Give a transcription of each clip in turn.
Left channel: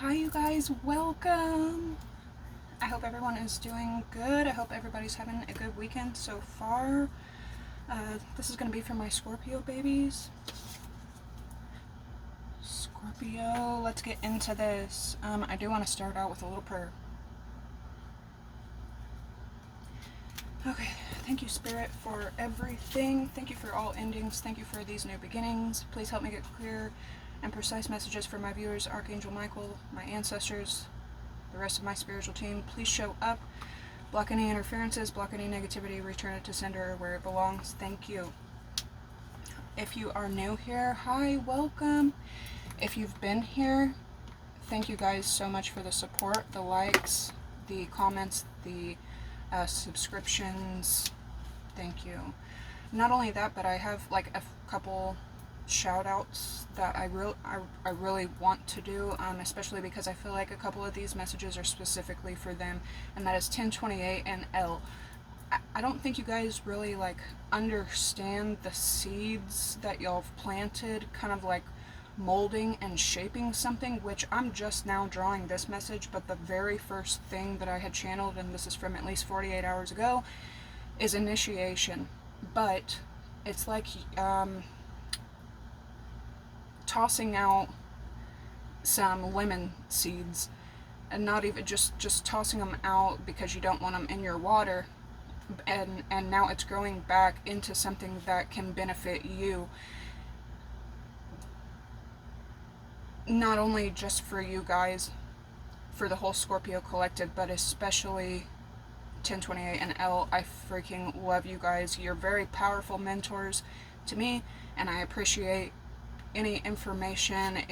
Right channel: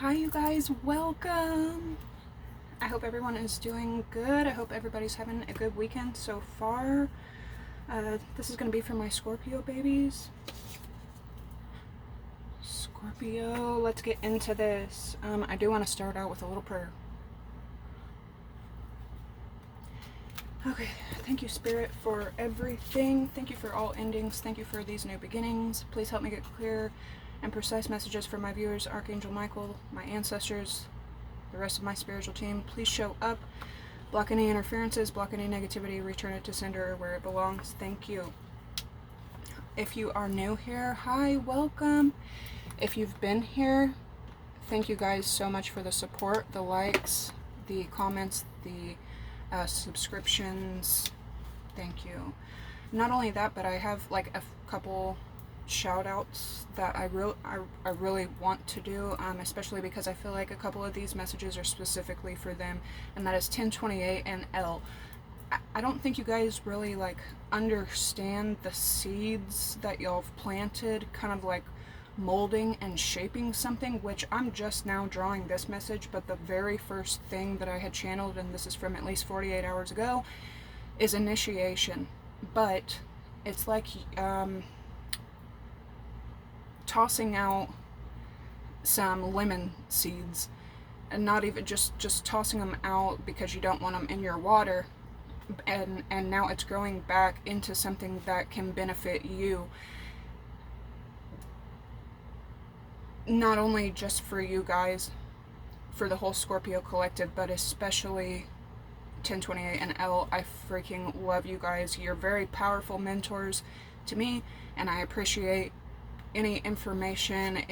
Hi, you guys, welcome. I hope everyone is doing good. I hope everybody's having a good weekend so far. This is going to be for my Scorpio babies. Scorpio, let's get into this. I do want to start out with a little prayer. Okay, thank you, Spirit, for everything. Thank you for all endings. Thank you for these new beginnings. Please help me get clear and precise messages for my viewers, Archangel Michael, my ancestors, the rest of my spiritual team. Please show up. Block any interferences, block any negativity, return it to sender where it belongs. Thank you. If you are new here, hi, welcome. If you've been here, thank you guys so much for the support, the likes, the comments, the subscriptions. Thank you. Not only that, but I have like a couple shout outs that I really want to do, especially because I feel like a couple of these messages are specifically for them, and that is 1028 and L. I don't think you guys really like understand the seeds that y'all have planted, kind of like molding and shaping something, which I'm just now drawing this message, but the very first thing that I had channeled, and this is from at least 48 hours ago, is initiation. But it's like tossing out some lemon seeds, and not even just tossing them out because you don't want them in your water, and now it's growing back into something that can benefit you, not only just for you guys, for the whole Scorpio collective, but especially 1028 and L. I freaking love you guys. You're very powerful mentors to me, and I appreciate any information,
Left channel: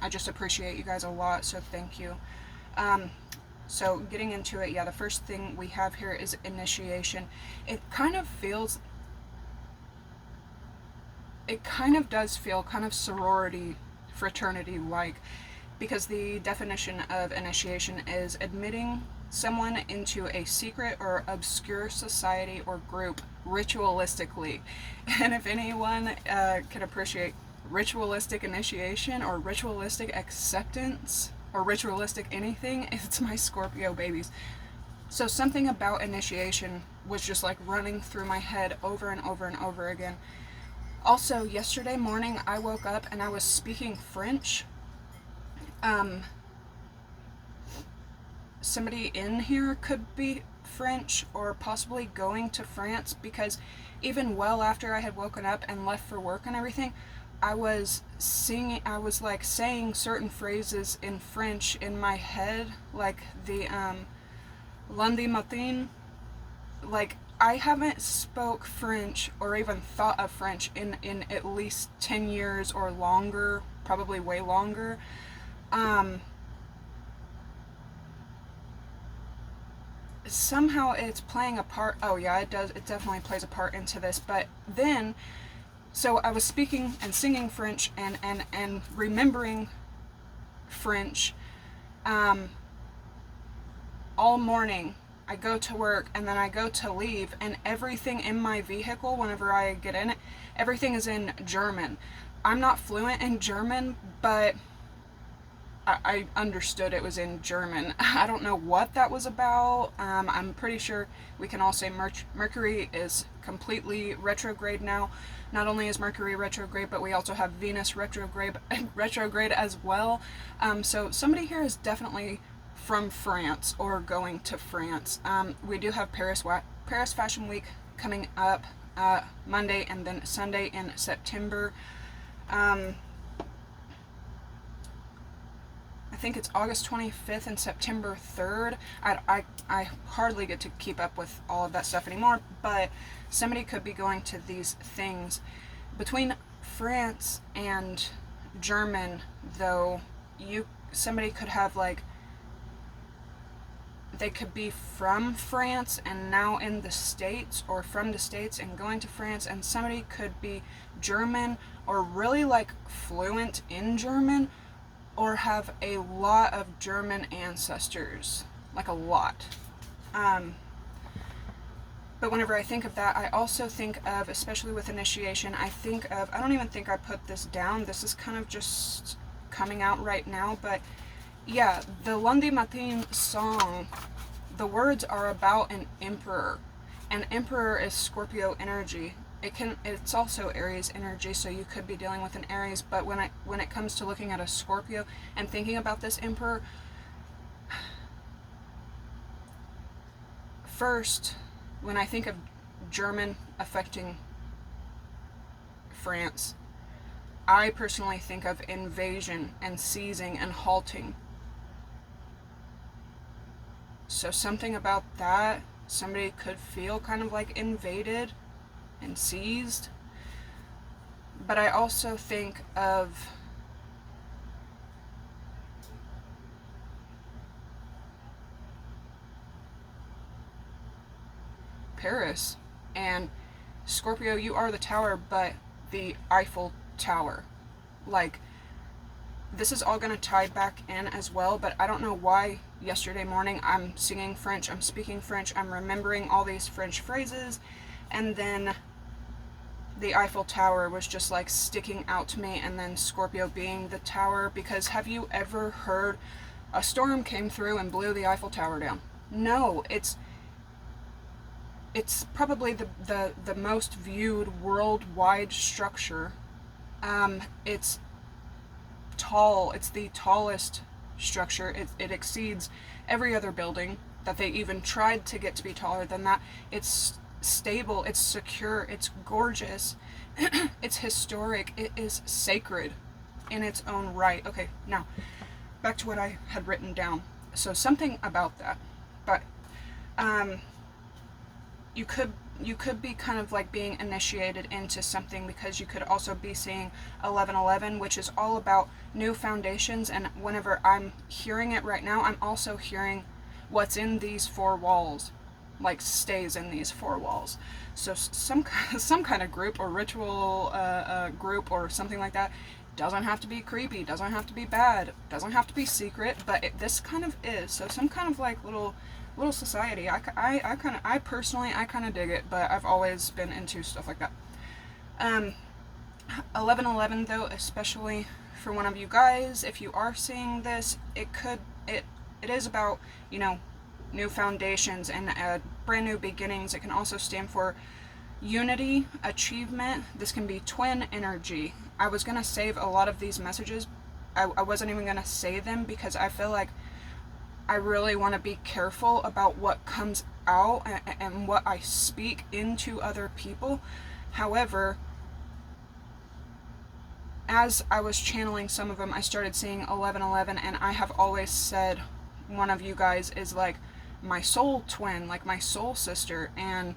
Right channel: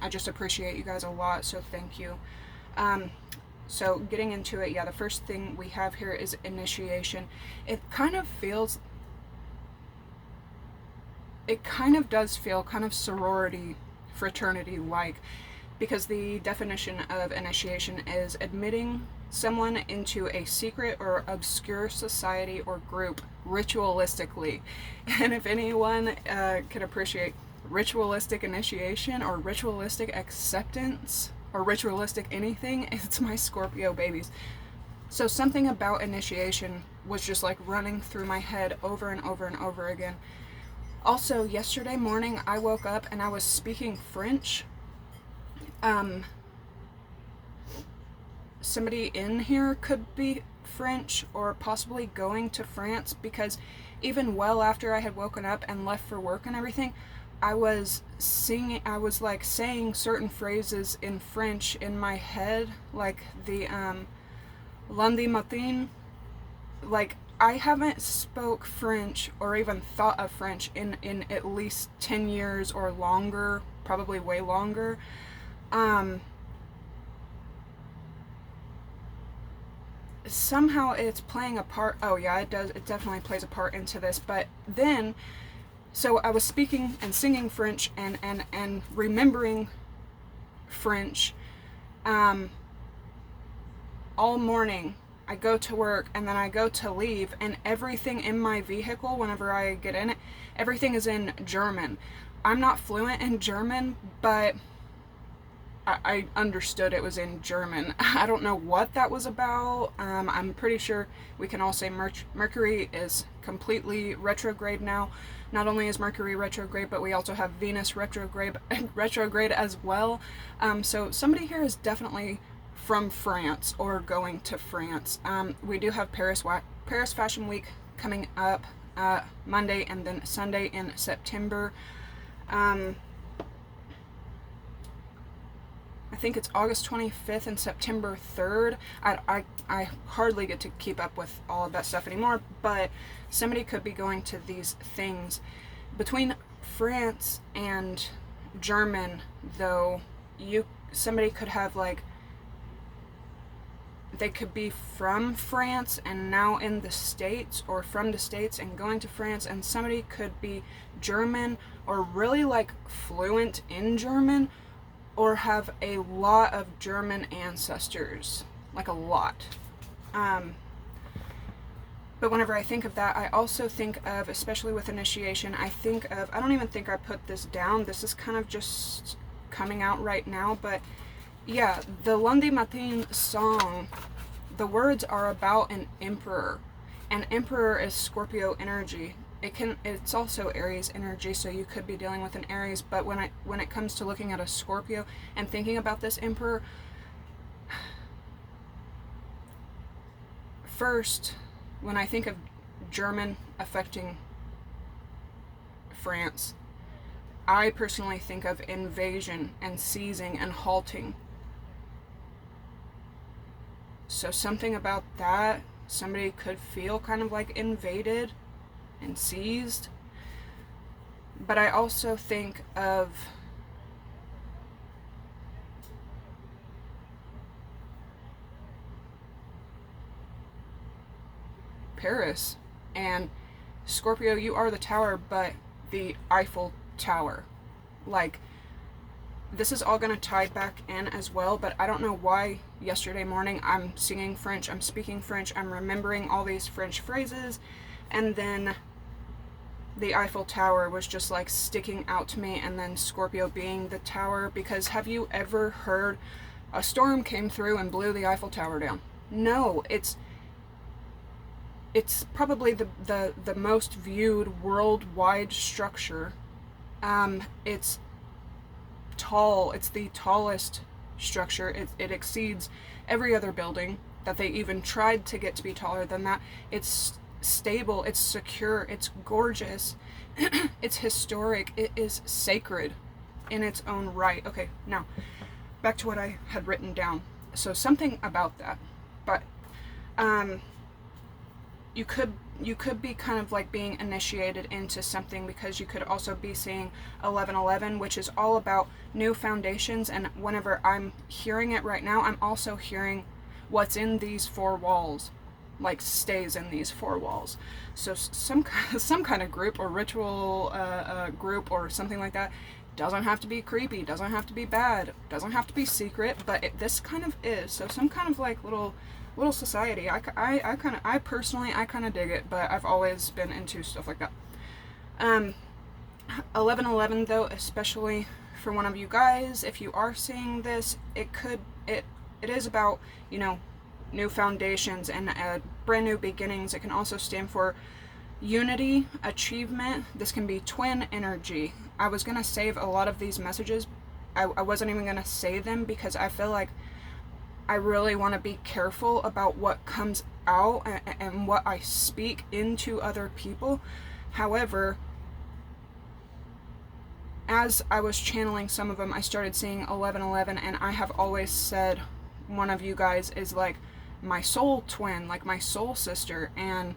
I just appreciate you guys a lot, so thank you. So getting into it, yeah, the first thing we have here is initiation. It kind of does feel kind of sorority, fraternity like, because the definition of initiation is admitting someone into a secret or obscure society or group ritualistically. And if anyone can appreciate ritualistic initiation or ritualistic acceptance or ritualistic anything, it's my Scorpio babies. So something about initiation was just like running through my head over and over and over again. Also, yesterday morning I woke up and I was speaking French. Somebody in here could be French or possibly going to France, because even well after I had woken up and left for work and everything, I was like saying certain phrases in French in my head, like the lundi matin. Like, I haven't spoke French or even thought of French in at least 10 years or longer, probably way longer. Somehow it's playing a part. Oh yeah, it does. It definitely plays a part into this. But then, so I was speaking and singing French and remembering French all morning. I go to work and then I go to leave, and everything in my vehicle, whenever I get in it, everything is in German. I'm not fluent in German, but I understood it was in German. I don't know what that was about. I'm pretty sure we can all say Mercury is completely retrograde now. Not only is Mercury retrograde, but we also have Venus retrograde as well. So somebody here is definitely from France or going to France. We do have Paris Fashion Week coming up Monday and then Sunday in September. I think it's August 25th and September 3rd. I hardly get to keep up with all of that stuff anymore, but somebody could be going to these things. Between France and German, though, somebody could have, like, they could be from France and now in the States, or from the States and going to France, and somebody could be German or really like fluent in German, or have a lot of German ancestors, like a lot. But whenever I think of that, I also think of, especially with initiation, I don't even think I put this down. This is kind of just coming out right now. But yeah, the Lundi Matin song, the words are about an emperor. An emperor is Scorpio energy. It's also Aries energy, so you could be dealing with an Aries. But when it comes to looking at a Scorpio and thinking about this emperor, first, when I think of German affecting France, I personally think of invasion and seizing and halting. So something about that, somebody could feel kind of like invaded and seized. But I also think of Paris. And Scorpio, you are the tower, but the Eiffel Tower. Like, this is all going to tie back in as well, but I don't know why yesterday morning I'm singing French, I'm speaking French, I'm remembering all these French phrases, and then the Eiffel Tower was just like sticking out to me, and then Scorpio being the tower, because have you ever heard a storm came through and blew the Eiffel Tower down? No, it's probably the most viewed worldwide structure. It's tall. It's the tallest structure. It exceeds every other building that they even tried to get to be taller than that. It's stable. It's secure. It's gorgeous. It's historic. It is sacred in its own right. Okay, now back to what I had written down. So something about that, but you could be kind of like being initiated into something, because you could also be seeing 1111, which is all about new foundations. And whenever I'm hearing it right now, I'm also hearing what's in these four walls, like stays in these four walls. So some kind of group or ritual group or something like that. Doesn't have to be creepy, doesn't have to be bad, doesn't have to be secret, but this kind of is. So some kind of like little society. I personally kind of dig it, but I've always been into stuff like that. 1111 though, especially for one of you guys, if you are seeing this, it is about, new foundations and brand new beginnings. It can also stand for unity, achievement. This can be twin energy. I was gonna save a lot of these messages. I wasn't even gonna say them, because I feel like I really want to be careful about what comes out and what I speak into other people. However, as I was channeling some of them, I started seeing 1111, and I have always said one of you guys is like my soul twin, like my soul sister, and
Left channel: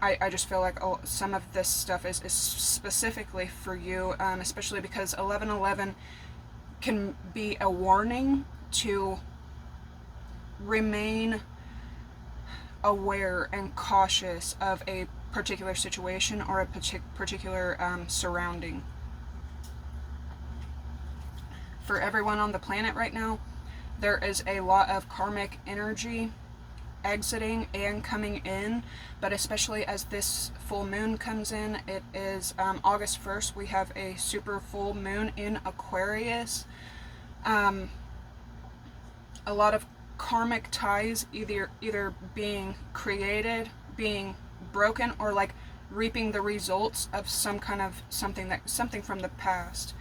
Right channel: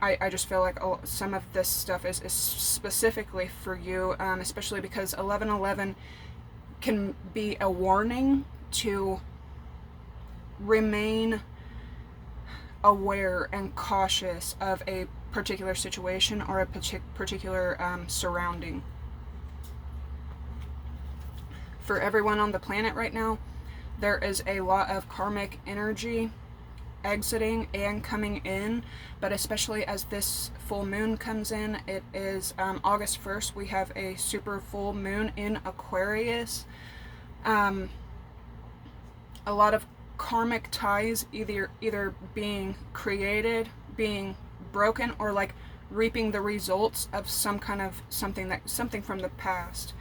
I just feel like some of this stuff is specifically for you, especially because 1111 can be a warning to remain aware and cautious of a particular situation or a particular surrounding. For everyone on the planet right now, there is a lot of karmic energy exiting and coming in, but especially as this full moon comes in, it is August 1st, we have a super full moon in Aquarius. A lot of karmic ties either being created, being broken, or like reaping the results of some kind of something from the past.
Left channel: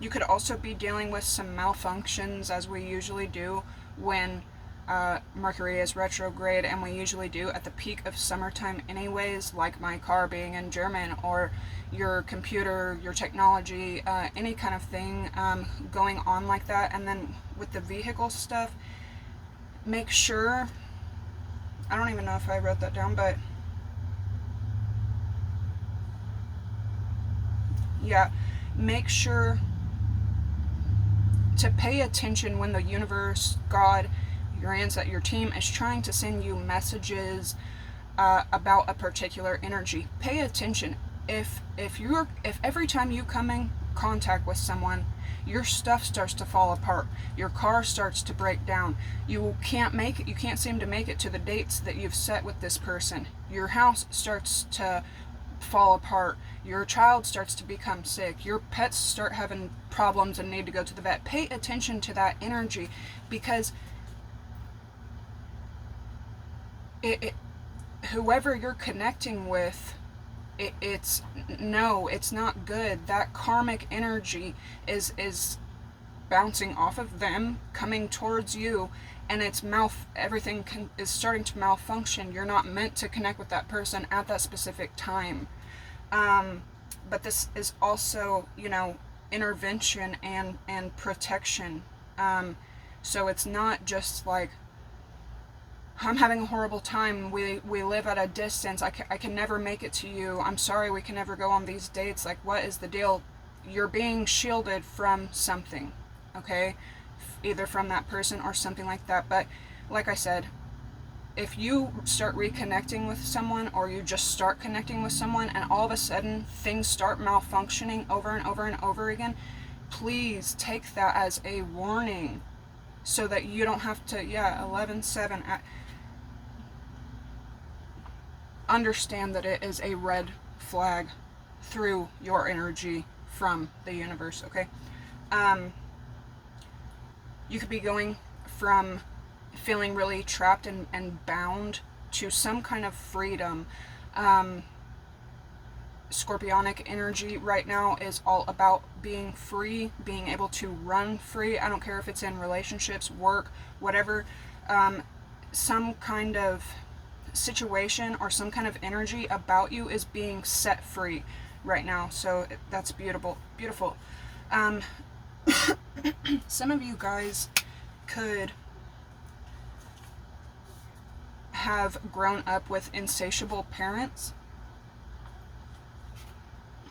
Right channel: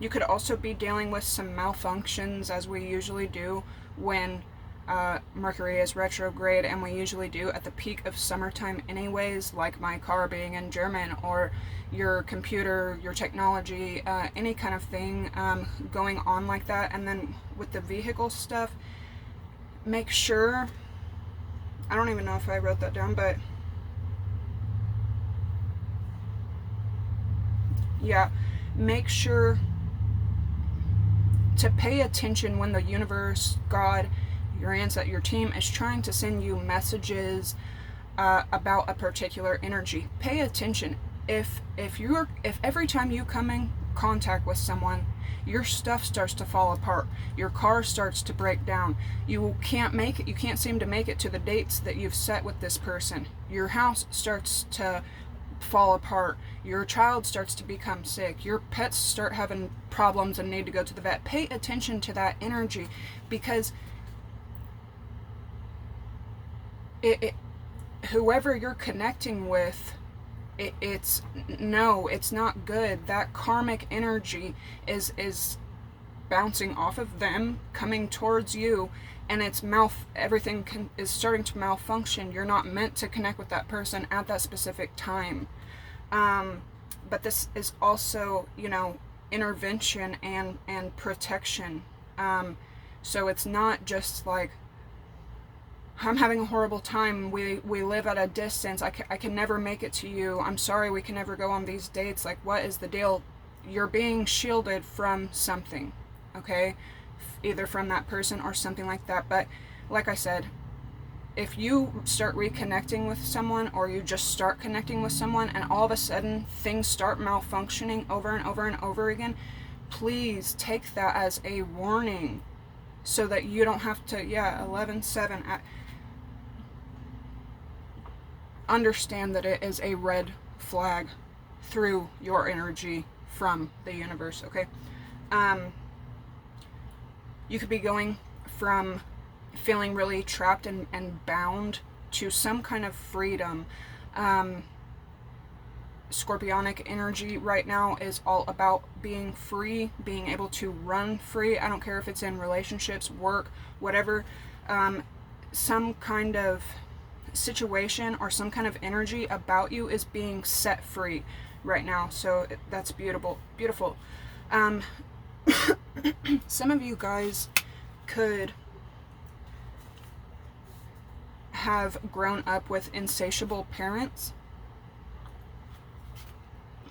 You could also be dealing with some malfunctions, as we usually do when Mercury is retrograde, and we usually do at the peak of summertime anyways, like my car being in German, or your computer, your technology, any kind of thing going on like that. And then with the vehicle stuff, make sure, I don't even know if I wrote that down, but yeah, make sure to pay attention when the universe, God, your ancestor, your team is trying to send you messages about a particular energy. Pay attention. If every time you contact with someone, your stuff starts to fall apart. Your car starts to break down. You can't seem to make it to the dates that you've set with this person. Your house starts to fall apart. Your child starts to become sick. Your pets start having problems and need to go to the vet. Pay attention to that energy, because whoever you're connecting with, it's not good. That karmic energy is bouncing off of them, coming towards you, and everything is starting to malfunction. You're not meant to connect with that person at that specific time. But this is also, intervention and protection. So it's not just like, I'm having a horrible time, we live at a distance, I can never make it to you, I'm sorry we can never go on these dates, like, what is the deal? You're being shielded from something, okay? Either from that person or something like that. But like I said, if you start reconnecting with someone, or you just start connecting with someone, and all of a sudden things start malfunctioning over and over and over again, please take that as a warning, so that you don't have to, 11-7, understand that it is a red flag through your energy from the universe, okay? You could be going from feeling really trapped and bound to some kind of freedom. Scorpionic energy right now is all about being free, being able to run free. I don't care if it's in relationships, work, whatever. Some kind of situation or some kind of energy about you is being set free right now. So that's beautiful. Some of you guys could have grown up with insatiable parents.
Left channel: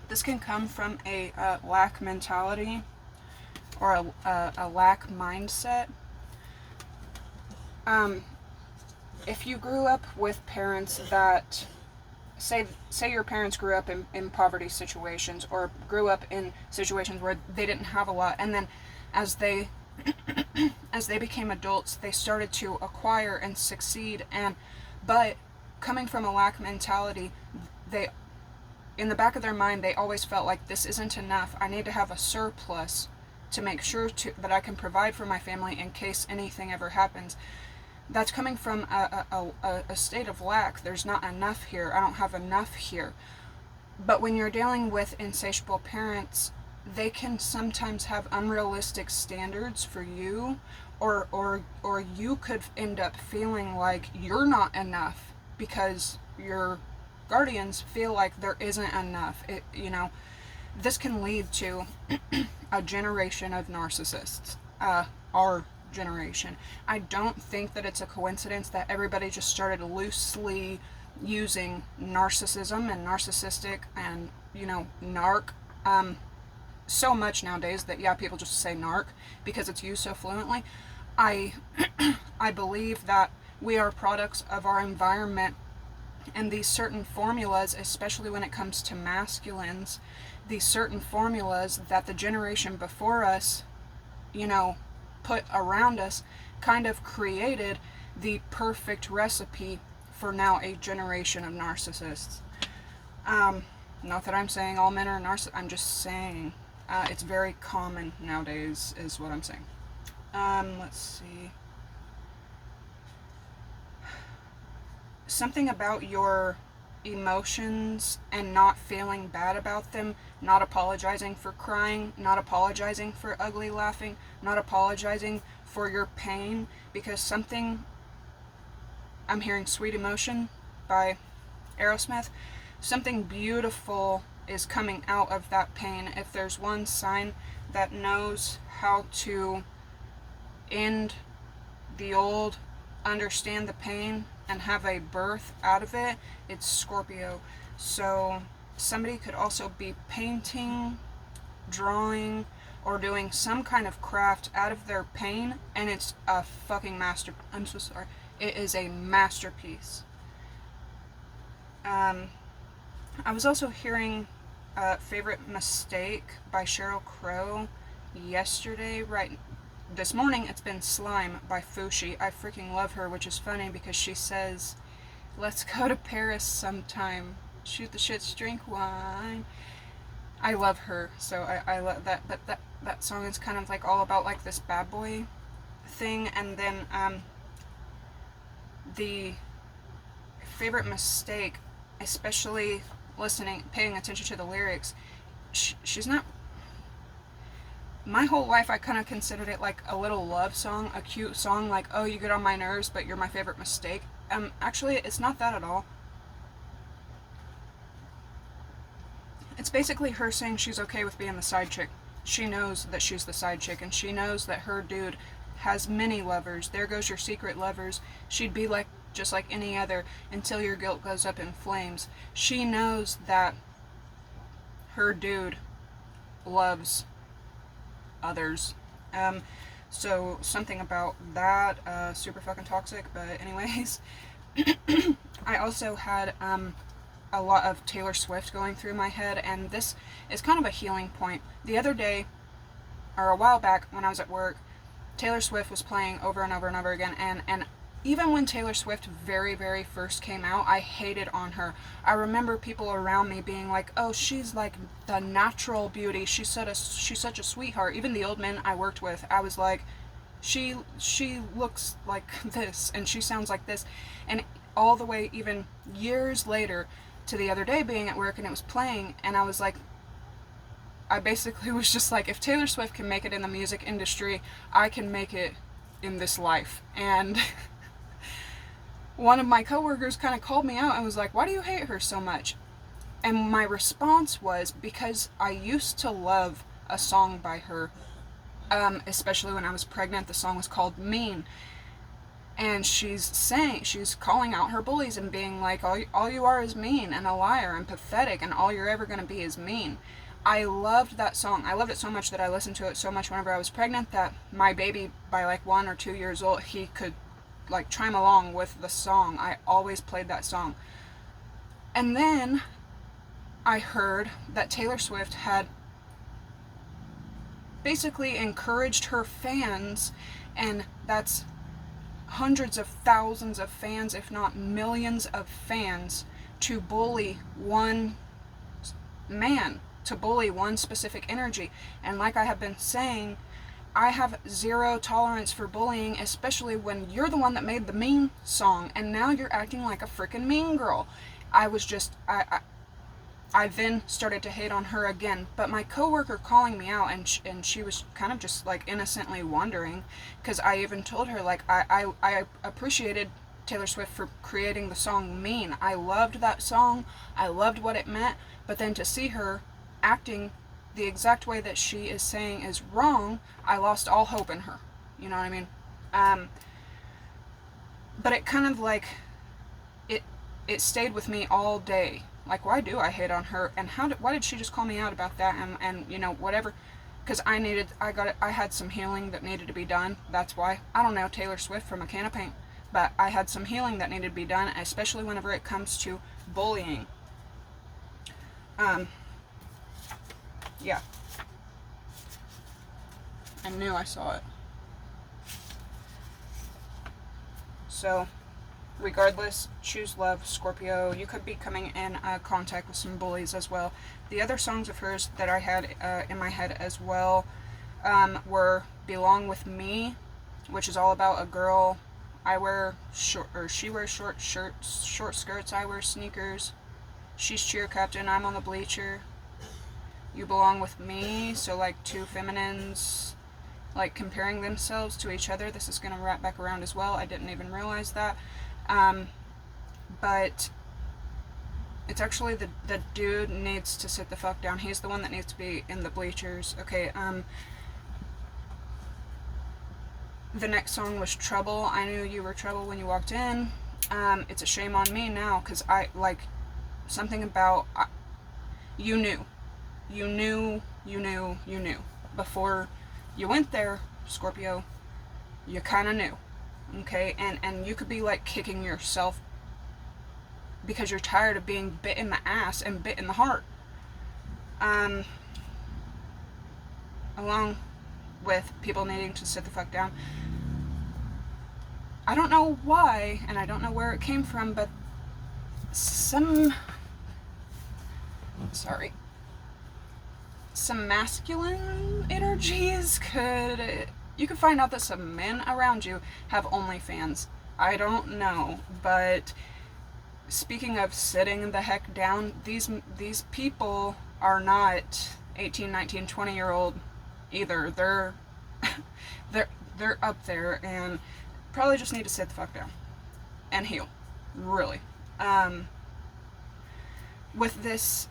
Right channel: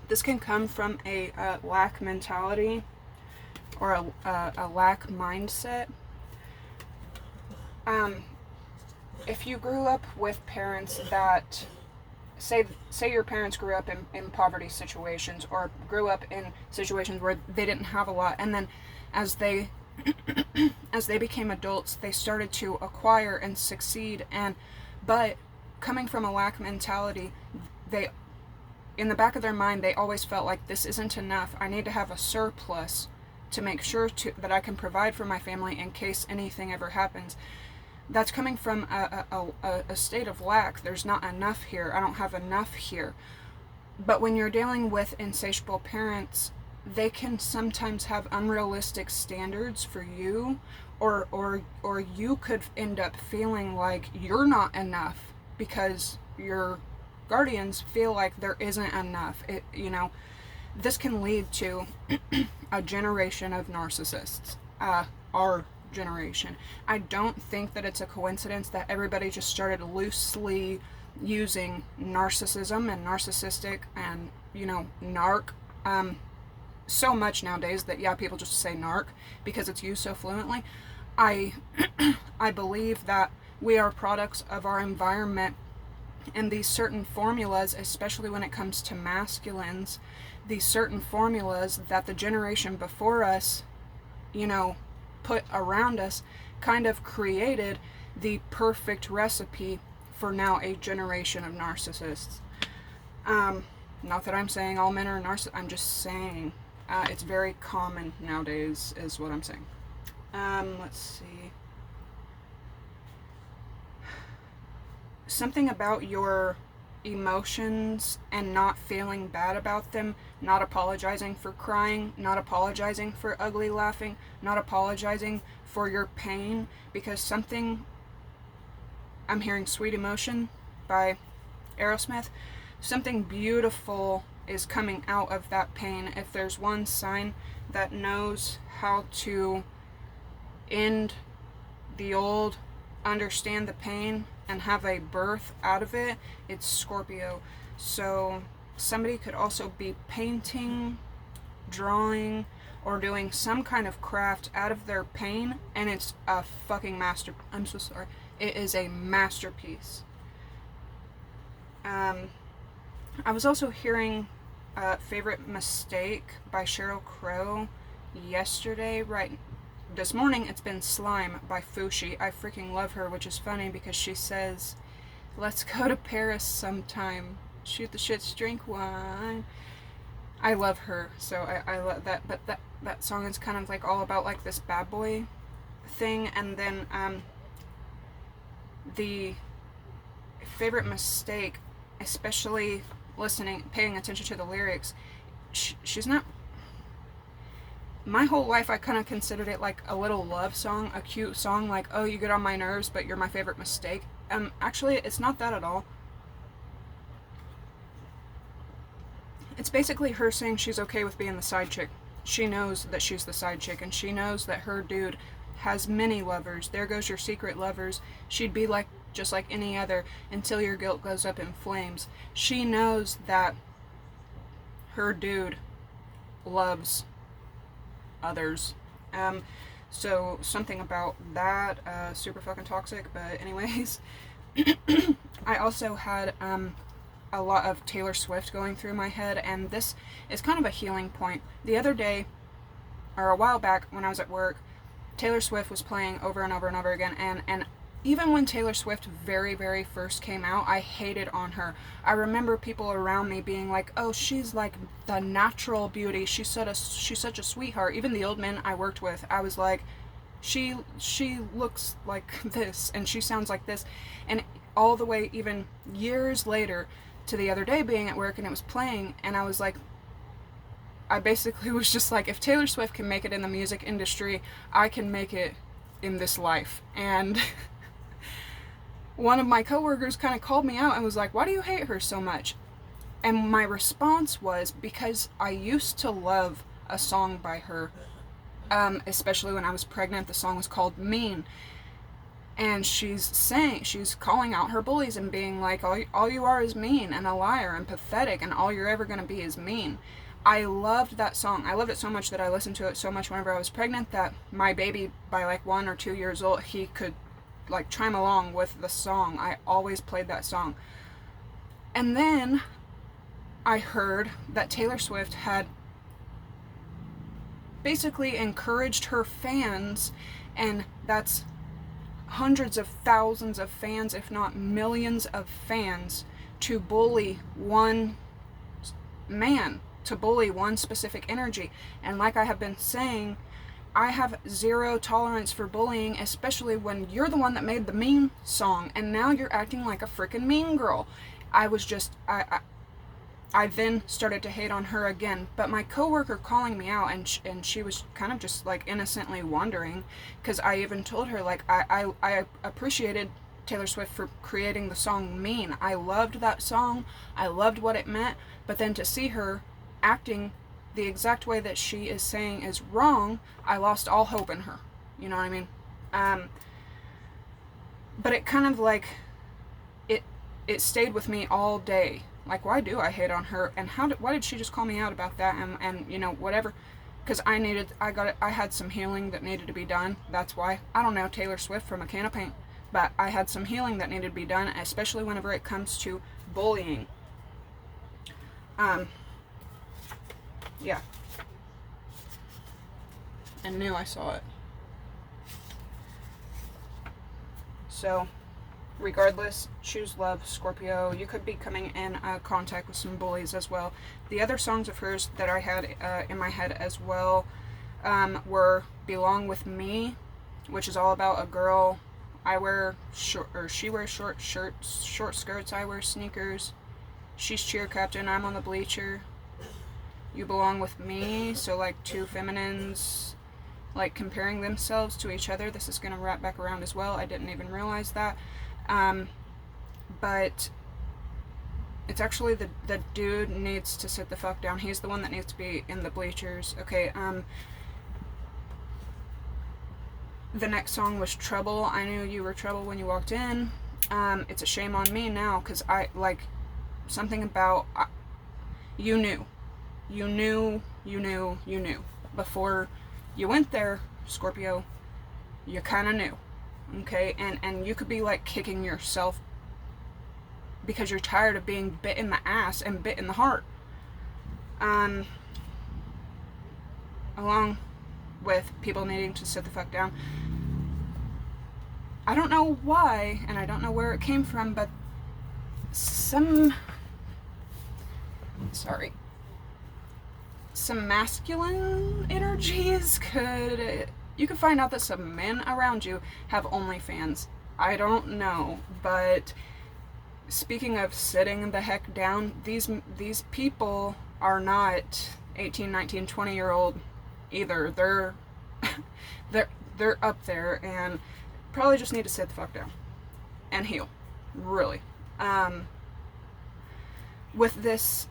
This can come from a lack mentality, or a lack mindset. If you grew up with parents that, say your parents grew up in poverty situations, or grew up in situations where they didn't have a lot, and then as they became adults, they started to acquire and succeed, but coming from a lack mentality, in the back of their mind, they always felt like, this isn't enough. I need to have a surplus to make sure that I can provide for my family in case anything ever happens. That's coming from a state of lack. There's not enough here. I don't have enough here. But when you're dealing with insatiable parents, they can sometimes have unrealistic standards for you, or you could end up feeling like you're not enough because your guardians feel like there isn't enough. This can lead to a generation of narcissists. Our generation. I don't think that it's a coincidence that everybody just started loosely using narcissism and narcissistic and narc so much nowadays that people just say narc because it's used so fluently. I believe that we are products of our environment, and these certain formulas, especially when it comes to masculines, these certain formulas that the generation before us put around us, kind of created the perfect recipe for now a generation of narcissists. Not that I'm saying all men are narcissists, I'm just saying it's very common nowadays, is what I'm saying. Let's see. Something about your emotions and not feeling bad about them, not apologizing for crying, not apologizing for ugly laughing, not apologizing for your pain, because I'm hearing Sweet Emotion by Aerosmith. Something beautiful is coming out of that pain. If there's one sign that knows how to end the old, understand the pain, and have a birth out of it, it's Scorpio. So somebody could also be painting, drawing, or doing some kind of craft out of their pain, and it's a fucking I'm so sorry. It is a masterpiece. I was also hearing Favorite Mistake by Sheryl Crow. Yesterday, right this morning, it's been Slime by Fushi. I freaking love her, which is funny because she says, let's go to Paris sometime. Shoot the shits, drink wine. I love her, so I love that. But that song is kind of like all about like this bad boy thing. And then the Favorite Mistake, especially paying attention to the lyrics, she's not. My whole life I kind of considered it like a little love song, a cute song, like, oh, you get on my nerves, but you're my favorite mistake. Actually, it's not that at all. It's basically her saying she's okay with being the side chick. She knows that she's the side chick, and she knows that her dude has many lovers. There goes your secret lovers. She'd be like just like any other until your guilt goes up in flames. She knows that her dude loves others. So something about that, super fucking toxic, but anyways. I also had a lot of Taylor Swift going through my head, and this is kind of a healing point. The other day, or a while back when I was at work, Taylor Swift was playing over and over and over again, and even when Taylor Swift very, very first came out, I hated on her. I remember people around me being like, oh, she's like the natural beauty. She's such a sweetheart. Even the old men I worked with, I was like, she looks like this, and she sounds like this. And all the way, even years later, to the other day being at work and it was playing, and I was like, I basically was just like, if Taylor Swift can make it in the music industry, I can make it in this life. And one of my coworkers kind of called me out and was like, why do you hate her so much? And my response was, because I used to love a song by her, especially when I was pregnant. The song was called Mean. And she's calling out her bullies and being like, all you are is mean and a liar and pathetic, and all you're ever going to be is mean. I loved that song. I loved it so much that I listened to it so much whenever I was pregnant that my baby, by like 1 or 2 years old, he could like chime along with the song. I always played that song. And then I heard that Taylor Swift had basically encouraged her fans, and that's hundreds of thousands of fans, if not millions of fans, to bully one man, to bully one specific energy. And like I have been saying, I have zero tolerance for bullying, especially when you're the one that made the Mean song, and now you're acting like a freaking mean girl. I then started to hate on her again, but my coworker calling me out, and she was kind of just like innocently wondering, because I even told her like I appreciated Taylor Swift for creating the song Mean. I loved that song. I loved what it meant, but then to see her acting the exact way that she is saying is wrong, I lost all hope in her. You know what I mean? But it kind of like, it stayed with me all day. Like, why do I hate on her? And why did she just call me out about that? And you know, whatever. Because I had some healing that needed to be done. That's why. I don't know Taylor Swift from a can of paint. But I had some healing that needed to be done, especially whenever it comes to bullying. Yeah. I knew I saw it. So, regardless, choose love, Scorpio. You could be coming in contact with some bullies as well. The other songs of hers that I had in my head as well were Belong With Me, which is all about a girl. She wears short shirts, short skirts, I wear sneakers. She's cheer captain, I'm on the bleacher. You belong with me, so like two feminines like comparing themselves to each other. This is going to wrap back around as well. I didn't even realize that. But it's actually the dude needs to sit the fuck down. He's the one that needs to be in the bleachers. Okay, the next song was Trouble. I knew you were trouble when you walked in. It's a shame on me now, because I, like, something about, you knew. Before you went there, Scorpio, you kind of knew. Okay, and you could be like kicking yourself because you're tired of being bit in the ass and bit in the heart. Um, along with people needing to sit the fuck down. I don't know why, and I don't know where it came from, but some masculine energies you could find out that some men around you have OnlyFans. I don't know, but speaking of sitting the heck down, these people are not 18, 19, 20-year-old either. They're up there and probably just need to sit the fuck down and heal, really. With this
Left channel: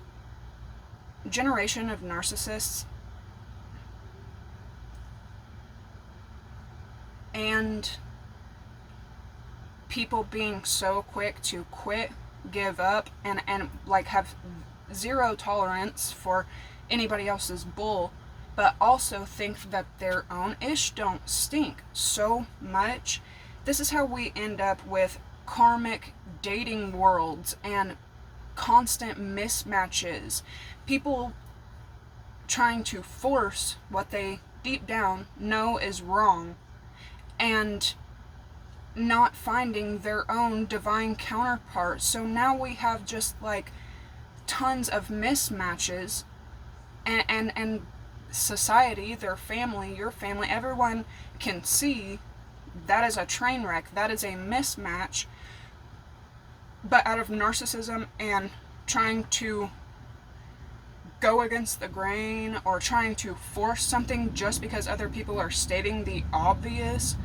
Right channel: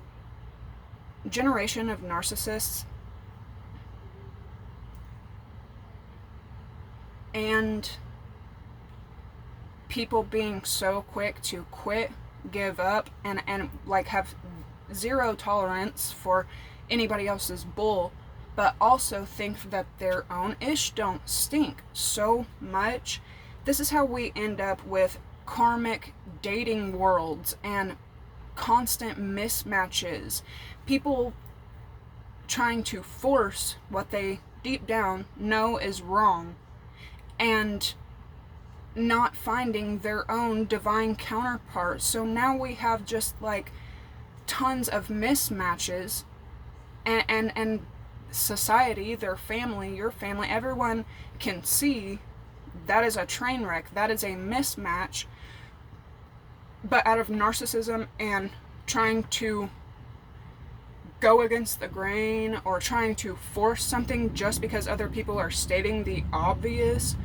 generation of narcissists and people being so quick to quit, give up, and like have zero tolerance for anybody else's bull, but also think that their own ish don't stink so much. This is how we end up with karmic dating worlds and constant mismatches. People trying to force what they deep down know is wrong and not finding their own divine counterpart. So now we have just like tons of mismatches, and society, their family, your family, everyone can see that is a train wreck, that is a mismatch. But out of narcissism and trying to go against the grain or trying to force something just because other people are stating the obvious,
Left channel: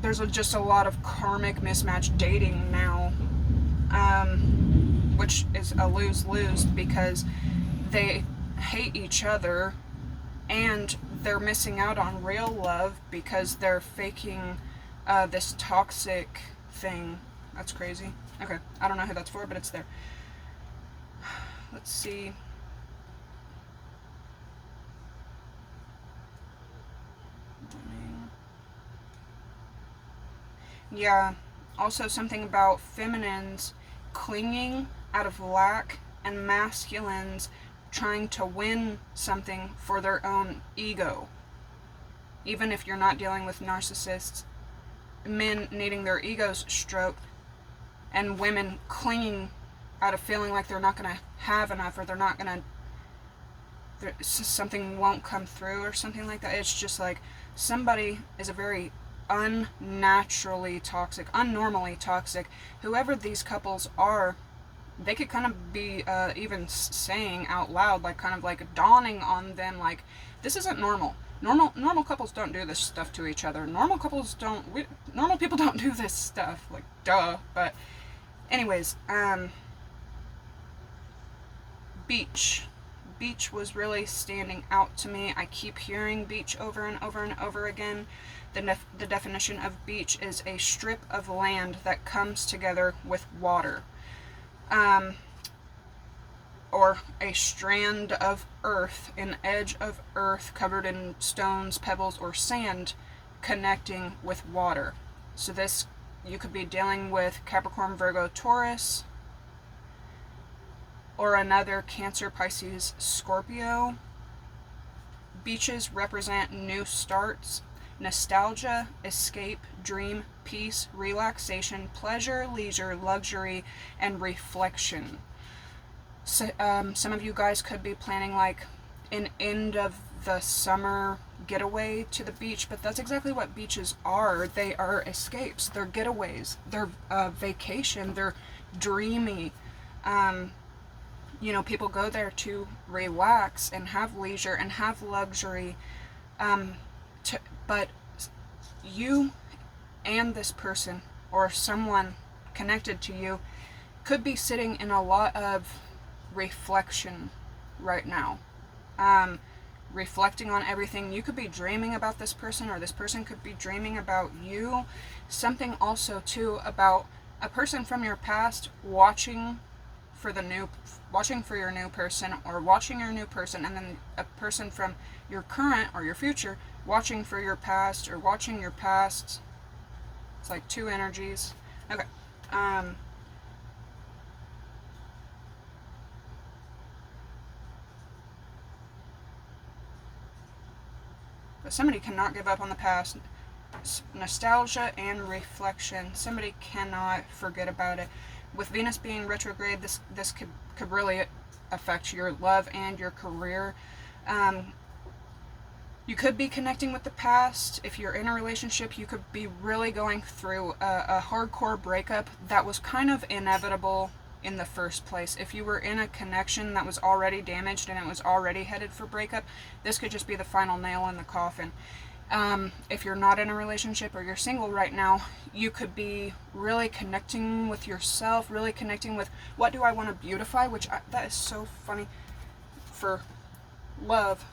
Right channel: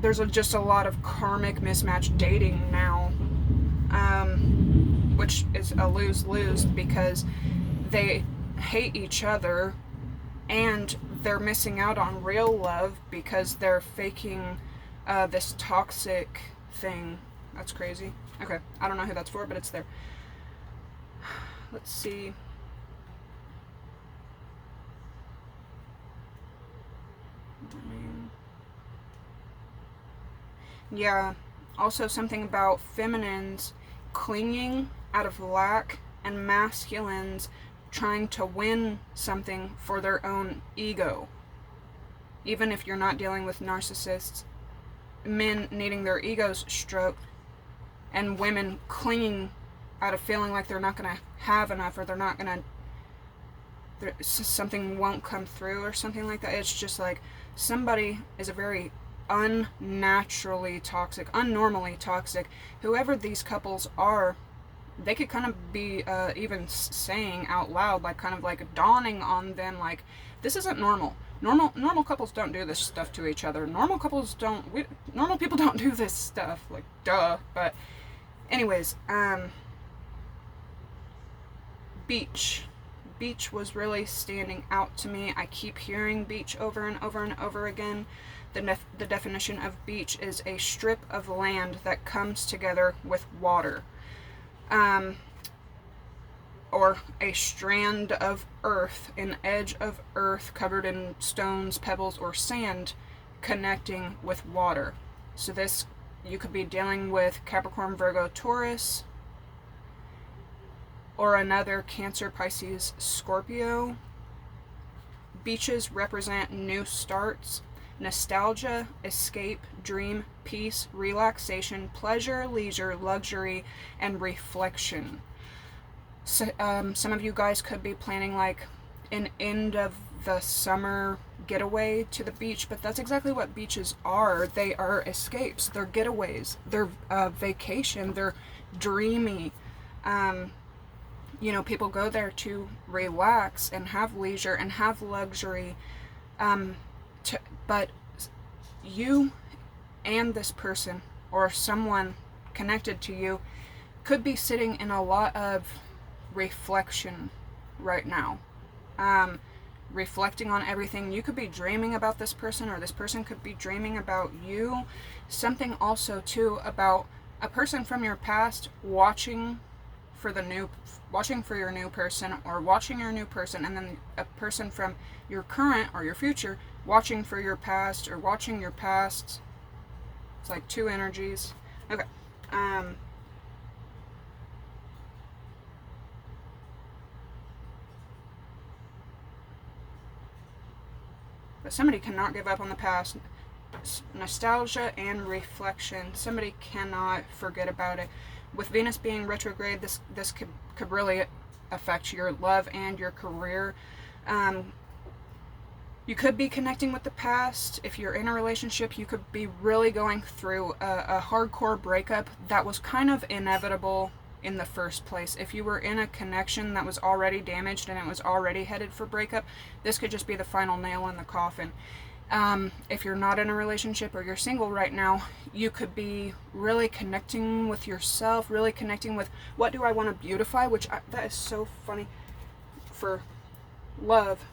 there's just a lot of karmic mismatch dating now, which is a lose-lose because they hate each other and they're missing out on real love because they're faking this toxic thing. That's crazy. Okay, I don't know who that's for, but it's there. Let's see. Yeah, also something about feminines clinging out of lack and masculines trying to win something for their own ego. Even if you're not dealing with narcissists, men needing their egos stroked and women clinging out of feeling like they're not going to have enough or they're not going to, something won't come through or something like that. It's just like somebody is a very unnaturally toxic, unnormally toxic. Whoever these couples are, they could kind of be even saying out loud, like kind of like dawning on them, like, this isn't normal. Normal couples don't do this stuff to each other. Normal people don't do this stuff. Like, duh. But anyways, Beach was really standing out to me. I keep hearing beach over and over and over again. The definition of beach is a strip of land that comes together with water. Or a strand of earth, an edge of earth covered in stones, pebbles, or sand connecting with water. So this, you could be dealing with Capricorn, Virgo, Taurus, or another Cancer, Pisces, Scorpio. Beaches represent new starts, nostalgia, escape, dream, peace, relaxation, pleasure, leisure, luxury, and reflection. So, some of you guys could be planning like an end of the summer getaway to the beach, but that's exactly what beaches are. They are escapes, they're getaways, they're vacation, they're dreamy. People go there to relax and have leisure and have luxury. But you and this person or someone connected to you could be sitting in a lot of reflection right now. Reflecting on everything. You could be dreaming about this person, or this person could be dreaming about you. Something also too about a person from your past watching for your new person, or watching your new person, and then a person from your current or your future watching for your past, or watching your past. It's like two energies. Okay. but somebody cannot give up on the past. Nostalgia and reflection. Somebody cannot forget about it. With Venus being retrograde, this could really affect your love and your career. You could be connecting with the past. If you're in a relationship, you could be really going through a hardcore breakup that was kind of inevitable in the first place. If you were in a connection that was already damaged and it was already headed for breakup, this could just be the final nail in the coffin. If you're not in a relationship or you're single right now, you could be really connecting with yourself, really connecting with what do I want to beautify, that is so funny for love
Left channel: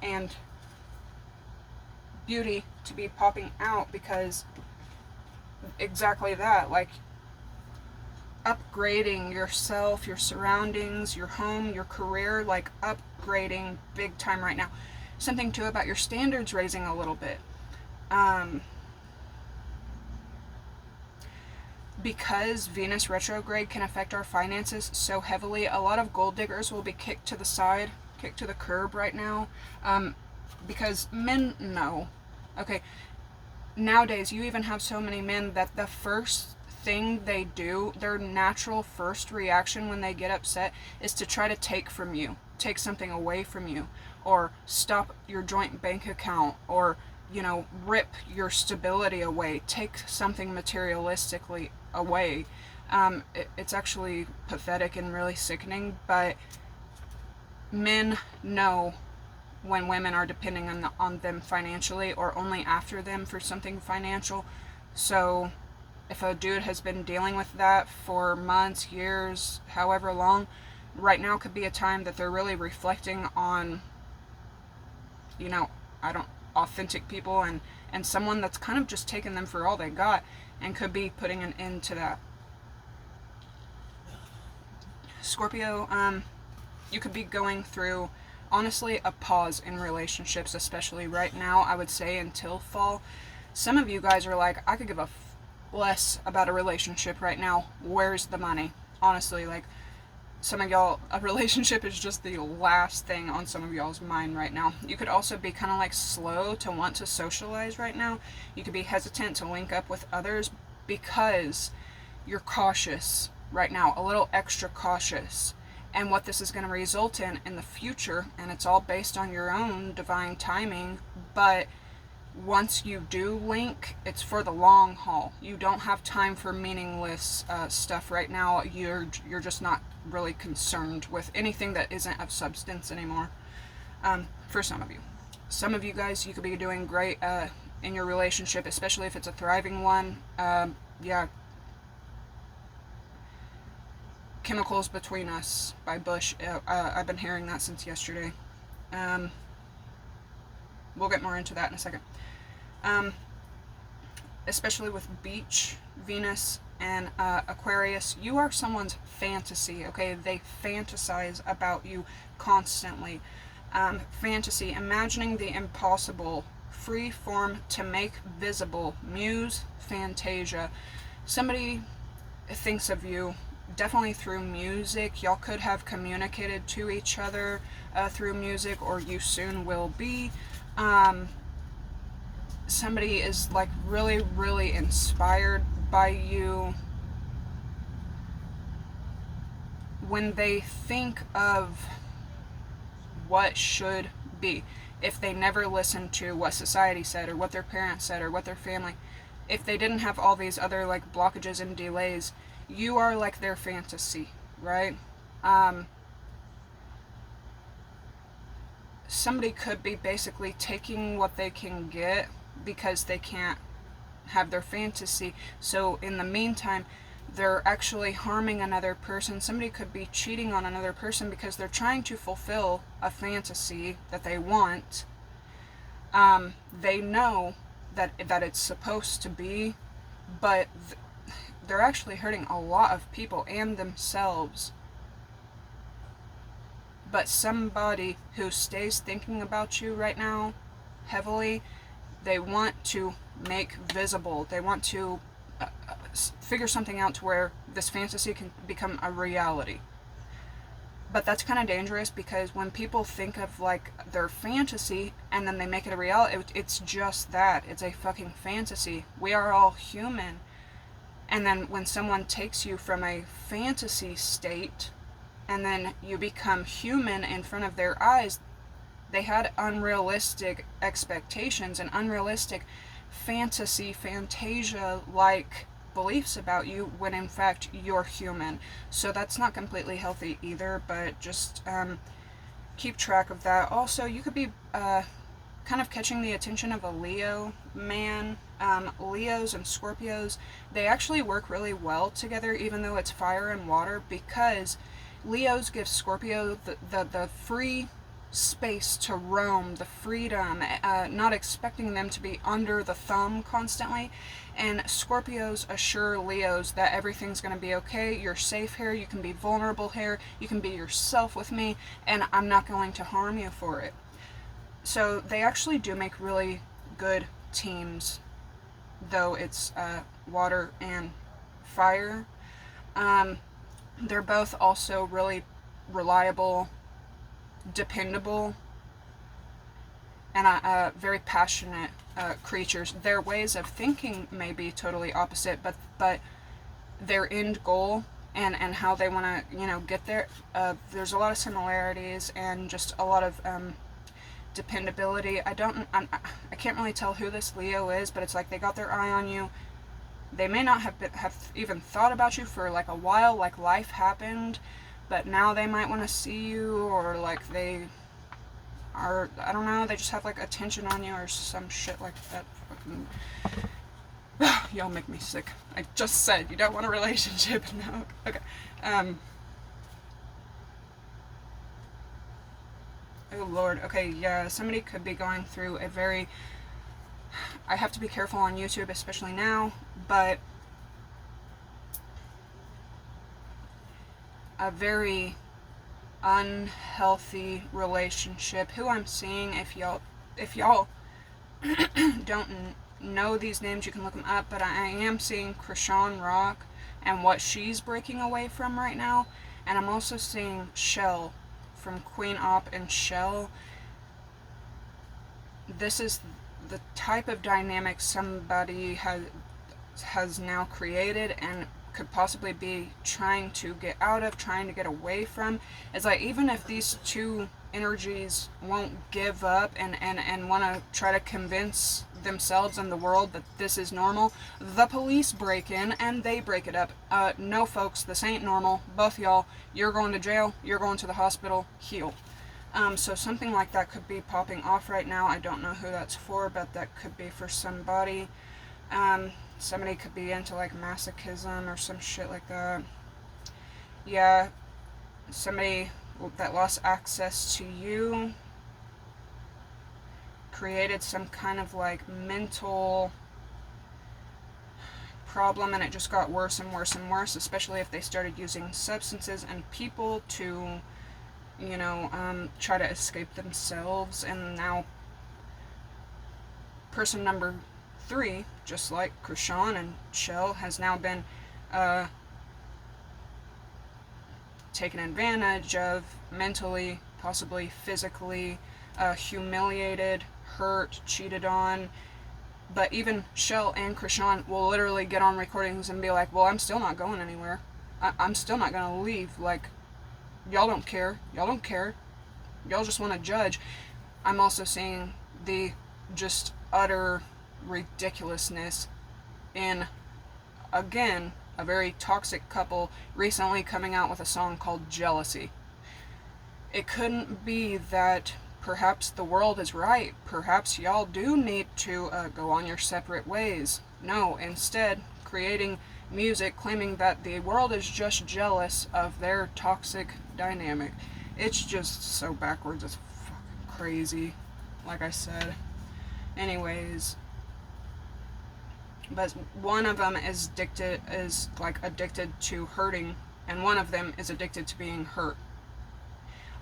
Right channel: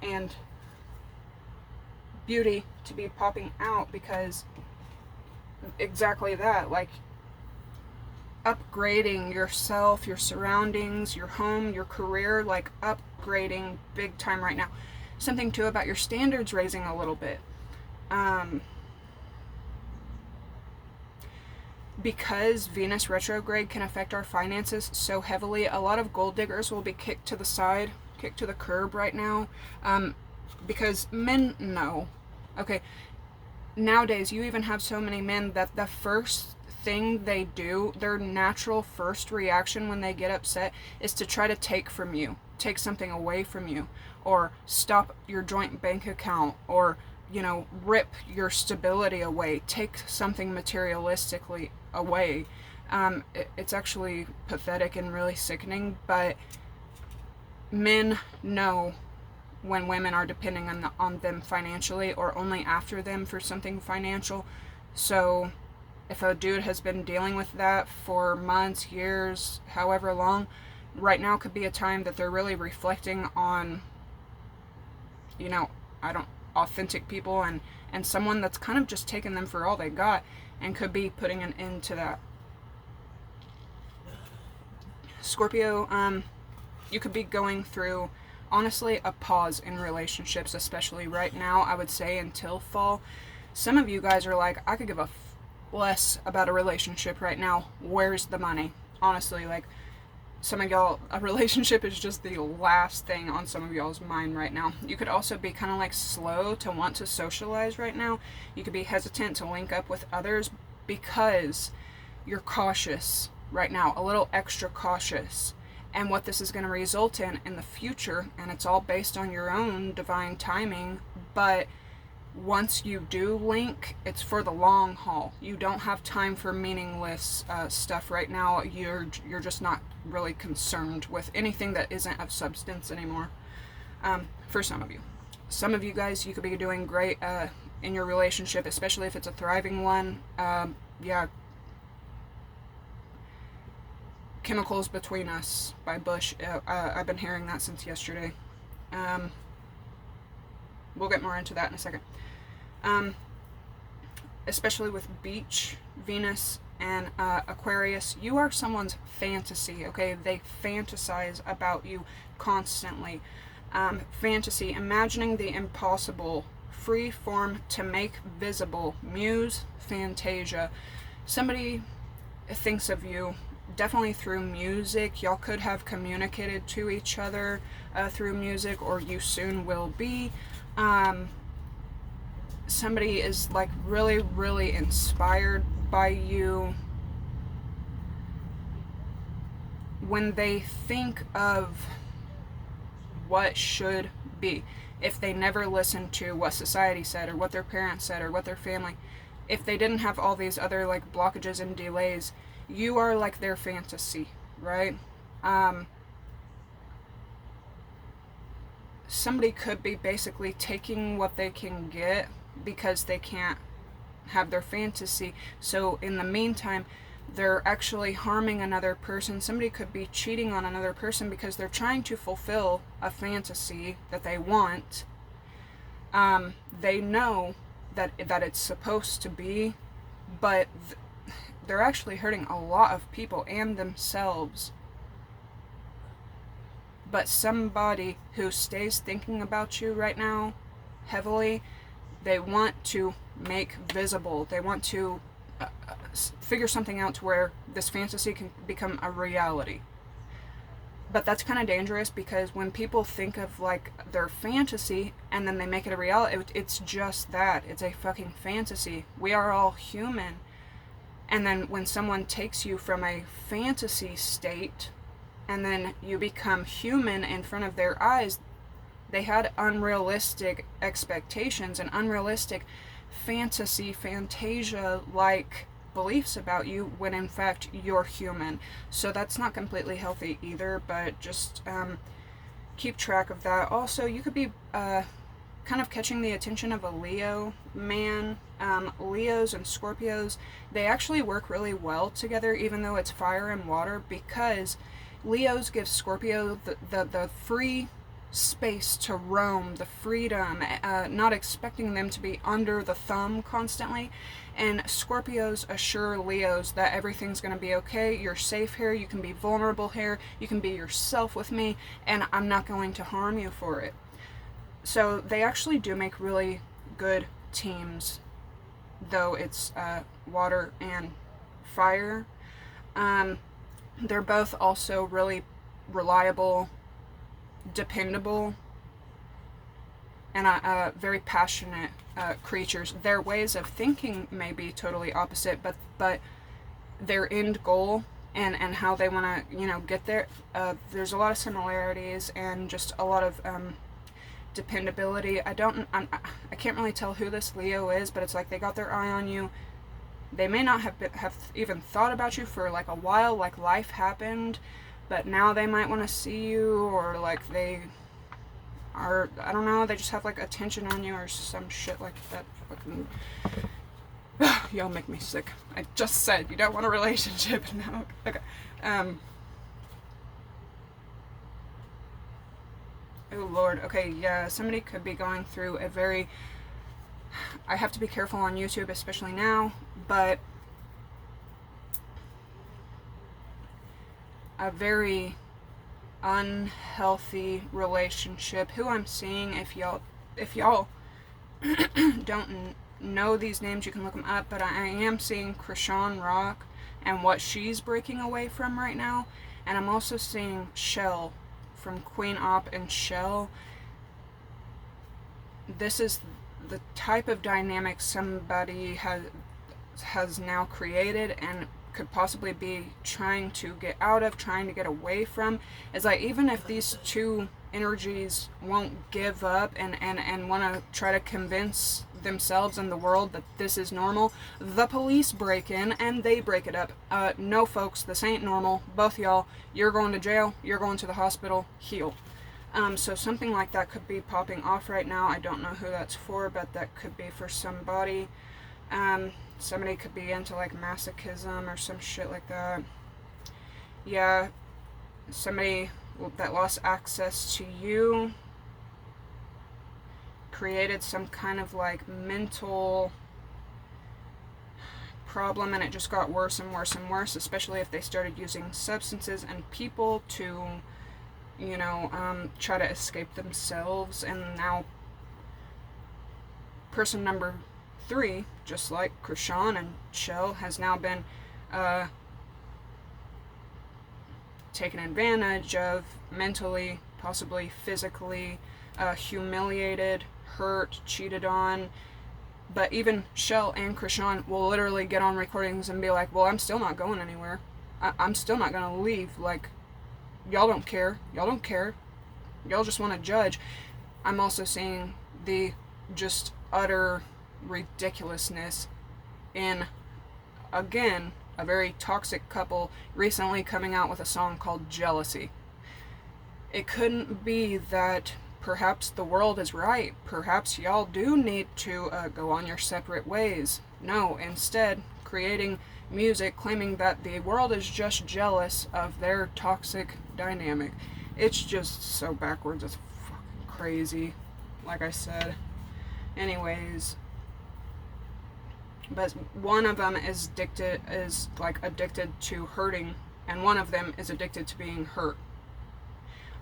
and beauty to be popping out, because exactly that, like upgrading yourself, your surroundings, your home, your career, like upgrading big time right now. Something too about your standards raising a little bit. Because Venus retrograde can affect our finances so heavily, a lot of gold diggers will be kicked to the side, kicked to the curb right now, because men know. Okay, nowadays you even have so many men that the first thing they do, their natural first reaction when they get upset, is to try to take from you, take something away from you, or stop your joint bank account, or rip your stability away, take something materialistically away. It's actually pathetic and really sickening, but men know when women are depending on them financially or only after them for something financial. So if a dude has been dealing with that for months, years, however long, right now could be a time that they're really reflecting on, authentic people and someone that's kind of just taken them for all they got, and could be putting an end to that. Scorpio, you could be going through, honestly, a pause in relationships, especially right now, I would say until fall. Some of you guys are like, I could give a less about a relationship right now. Where's the money? Honestly, like, some of y'all, a relationship is just the last thing on some of y'all's mind right now. You could also be kind of like slow to want to socialize right now. You could be hesitant to link up with others because you're cautious right now, a little extra cautious. And what this is going to result in the future, and it's all based on your own divine timing, but once you do link, it's for the long haul. You don't have time for meaningless stuff right now. You're just not really concerned with anything that isn't of substance anymore. For some of you. Some of you guys, you could be doing great in your relationship, especially if it's a thriving one. Chemicals Between Us by Bush. I've been hearing that since yesterday. We'll get more into that in a second. Especially with Beach, Venus, and Aquarius, you are someone's fantasy, okay? They fantasize about you constantly. Fantasy, imagining the impossible, free form to make visible, muse, fantasia. Somebody thinks of you definitely through music. Y'all could have communicated to each other through music, or you soon will be. Somebody is like really, really inspired by you when they think of what should be. If they never listened to what society said, or what their parents said, or what their family, if they didn't have all these other like blockages and delays, you are like their fantasy, right? Somebody could be basically taking what they can get because they can't have their fantasy. So in the meantime, they're actually harming another person. Somebody could be cheating on another person because they're trying to fulfill a fantasy that they want. They know that it's supposed to be, but they're actually hurting a lot of people and themselves. But somebody who stays thinking about you right now heavily, they want to make visible. They want to figure something out to where this fantasy can become a reality. But that's kind of dangerous, because when people think of like their fantasy and then they make it a reality, it's just that. It's a fucking fantasy. We are all human. And then when someone takes you from a fantasy state and then you become human in front of their eyes, they had unrealistic expectations and unrealistic fantasia like beliefs about you, when in fact you're human. So that's not completely healthy either, but just keep track of that. Also, you could be kind of catching the attention of a Leo man. Leos and Scorpios, they actually work really well together, even though it's fire and water, because Leos give Scorpio the free space to roam, the freedom, not expecting them to be under the thumb constantly. And Scorpios assure Leos that everything's going to be okay, you're safe here, you can be vulnerable here, you can be yourself with me, and I'm not going to harm you for it. So they actually do make really good teams, though it's water and fire. They're both also really reliable, dependable, and very passionate creatures. Their ways of thinking may be totally opposite, but their end goal and how they want to get there, there's a lot of similarities and just a lot of dependability. I can't really tell who this Leo is, but it's like they got their eye on you. They may not have even thought about you for like a while, like life happened, but now they might want to see you, or like they are, I don't know, they just have like attention on you or some shit like that. Y'all make me sick. I just said you don't want a relationship. No. Okay. Oh Lord. Okay, yeah, somebody could be going through a very, I have to be careful on YouTube, especially now, but a very unhealthy relationship. Who I'm seeing, if y'all don't know these names, you can look them up, but I am seeing Krishan Rock and what she's breaking away from right now, and I'm also seeing Shell from Queen Op and Shell. This is the type of dynamic somebody has now created and could possibly be trying to get out of, trying to get away from. It's like, even if these two energies won't give up and want to try to convince themselves and the world that this is normal, the police break in and they break it up. No folks, this ain't normal. Both y'all, you're going to jail, you're going to the hospital, heal. So something like that could be popping off right now. I don't know who that's for, but that could be for somebody. Somebody could be into like masochism or some shit like that. Yeah, somebody that lost access to you created some kind of like mental problem, and it just got worse and worse and worse, especially if they started using substances and people to, try to escape themselves. And now person number 3, just like Krishan and Shell, has now been taken advantage of mentally, possibly physically, humiliated, hurt, cheated on. But even Shell and Krishan will literally get on recordings and be like, well, I'm still not going anywhere. I'm still not going to leave. Like, y'all don't care. Y'all don't care. Y'all just want to judge. I'm also seeing the just utter ridiculousness in, again, a very toxic couple recently coming out with a song called Jealousy. It couldn't be that perhaps the world is right. Perhaps y'all do need to go on your separate ways. No, instead, creating music claiming that the world is just jealous of their toxic dynamic. It's just so backwards. It's fucking crazy, like I said. Anyways, but one of them is addicted to hurting, and one of them is addicted to being hurt.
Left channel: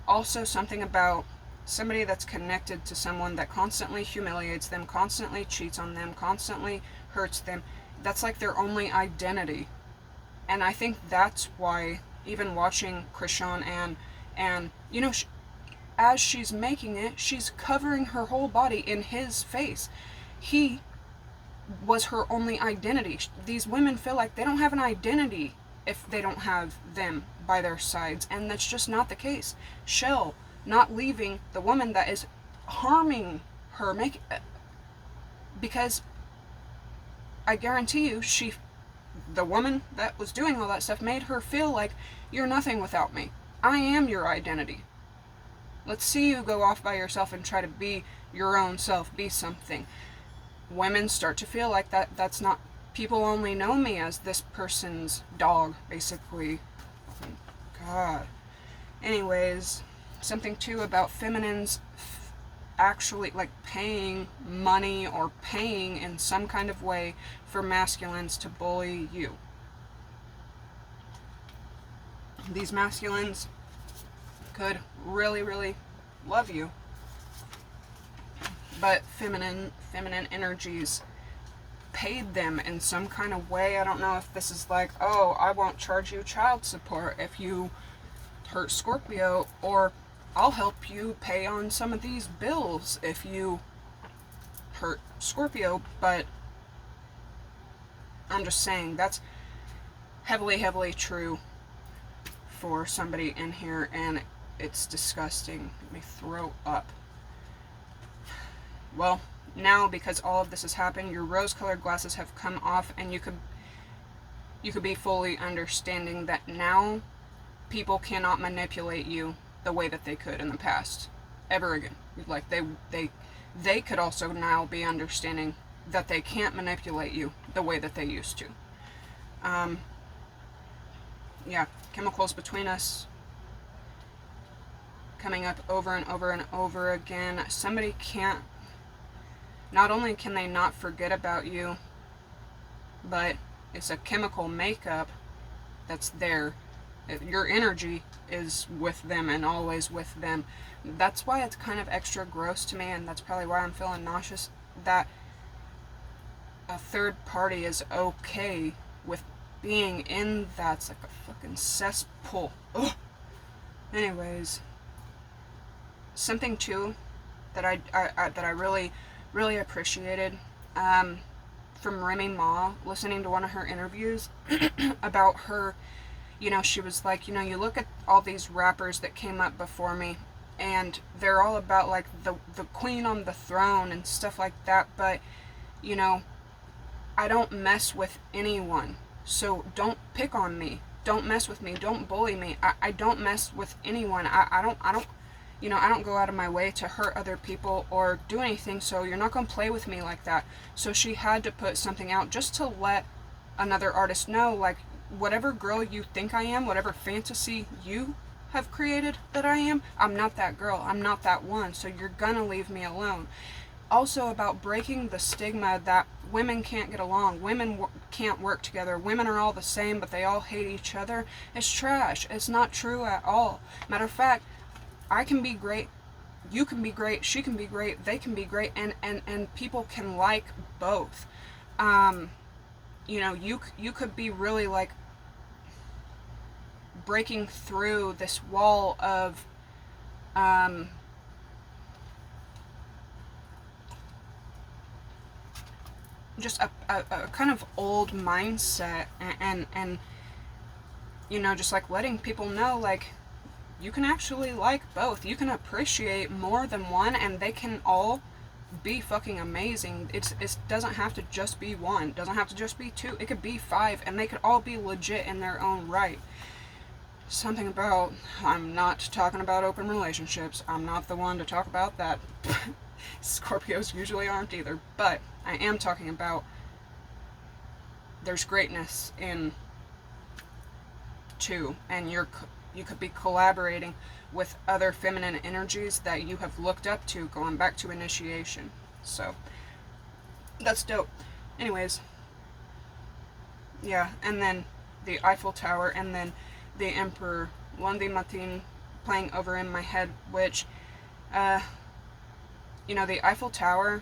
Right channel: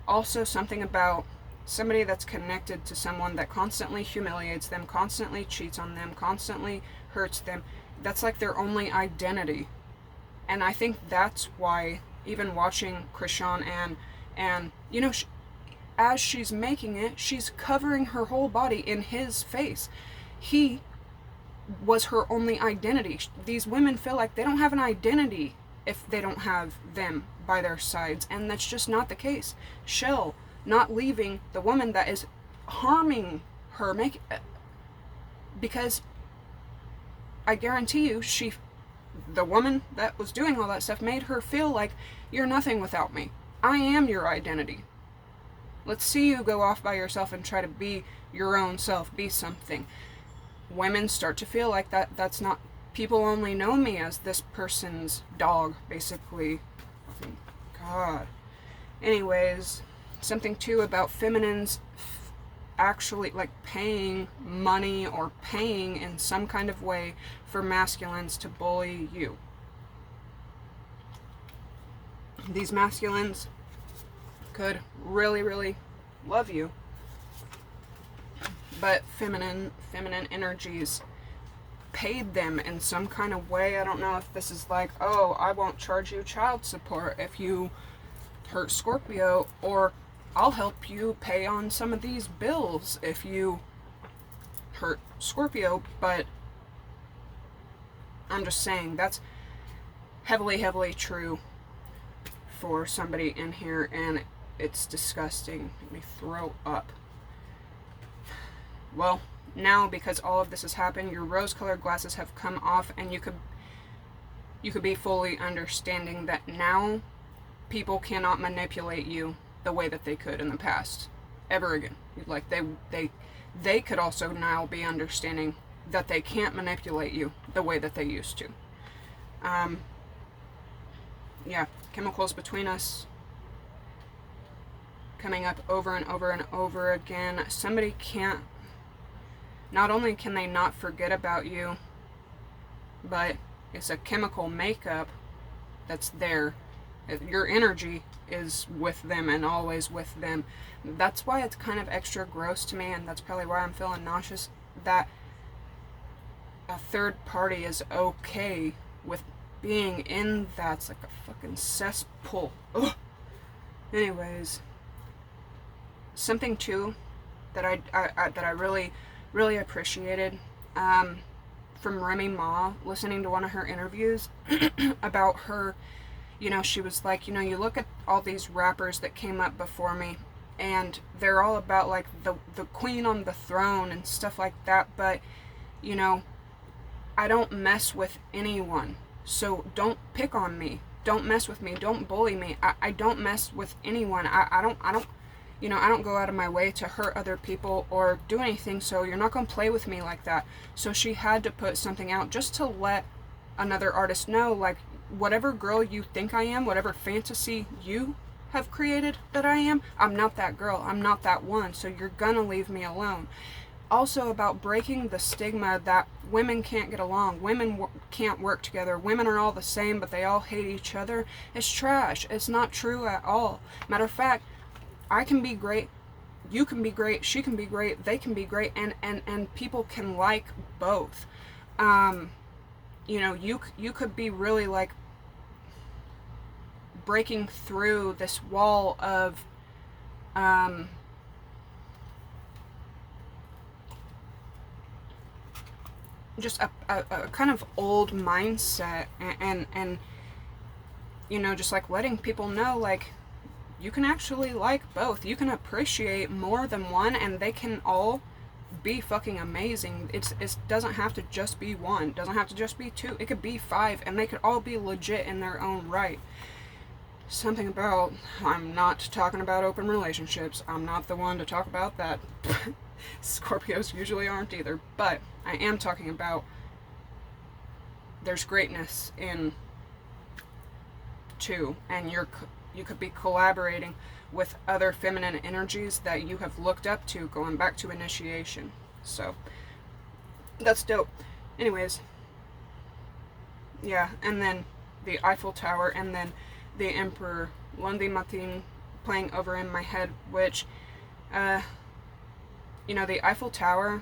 Also, something about somebody that's connected to someone that constantly humiliates them, constantly cheats on them, constantly hurts them. That's like their only identity. And I think that's why, even watching Krishan And, you know, as she's making it, she's covering her whole body in his face. He was her only identity. These women feel like they don't have an identity if they don't have them by their sides, and that's just not the case. Shell not leaving the woman that is harming her, because I guarantee you, the woman that was doing all that stuff made her feel like, you're nothing without me. I am your identity. Let's see you go off by yourself and try to be your own self, be something. Women start to feel like that's not, people only know me as this person's dog, basically. God. Anyways, something too about feminines actually like paying money or paying in some kind of way for masculines to bully you. These masculines could really, really love you, but feminine energies paid them in some kind of way. I don't know if this is like, oh, I won't charge you child support if you hurt Scorpio, or I'll help you pay on some of these bills if you hurt Scorpio. But I'm just saying that's heavily, heavily true for somebody in here, and it's disgusting. Let me throw up. Well, now because all of this has happened, your rose-colored glasses have come off, and you could be fully understanding that now people cannot manipulate you the way that they could in the past ever again. Like they could also now be understanding that they can't manipulate you the way that they used to. Yeah, chemicals between us coming up over and over and over again. Somebody can't, not only can they not forget about you, but it's a chemical makeup that's there. Your energy is with them and always with them. That's why it's kind of extra gross to me, and that's probably why I'm feeling nauseous, that a third party is okay with being in that's like a fucking cesspool. Ugh. Anyways, something too that I really, really appreciated from Remy Ma, listening to one of her interviews about her. You know, she was like, you know, you look at all these rappers that came up before me, and they're all about, like, the queen on the throne and stuff like that, but, you know, I don't mess with anyone, so don't pick on me, don't mess with me, don't bully me, I don't mess with anyone, I don't, you know, I don't go out of my way to hurt other people or do anything, so you're not going to play with me like that. So she had to put something out just to let another artist know, like, whatever girl you think I am, whatever fantasy you have created that I am, I'm not that girl, I'm not that one, so you're gonna leave me alone. Also about breaking the stigma that women can't get along, women can't work together, women are all the same but they all hate each other. It's trash. It's not true at all. Matter of fact, I can be great, you can be great, she can be great, they can be great, and people can like both. You know, you could be really like breaking through this wall of just a kind of old mindset, and you know, just like letting people know, like, you can actually like both, you can appreciate more than one, and they can all be fucking amazing. It doesn't have to just be one, it doesn't have to just be two, it could be 5, and they could all be legit in their own right. Something about, I'm not talking about open relationships, I'm not the one to talk about that. Scorpios usually aren't either, but I am talking about there's greatness in two, and you could be collaborating with other feminine energies that you have looked up to, going back to initiation. So that's dope. Anyways, yeah, and then the Eiffel Tower, and then the Emperor Lundi Matin playing over in my head, which you know, the Eiffel Tower,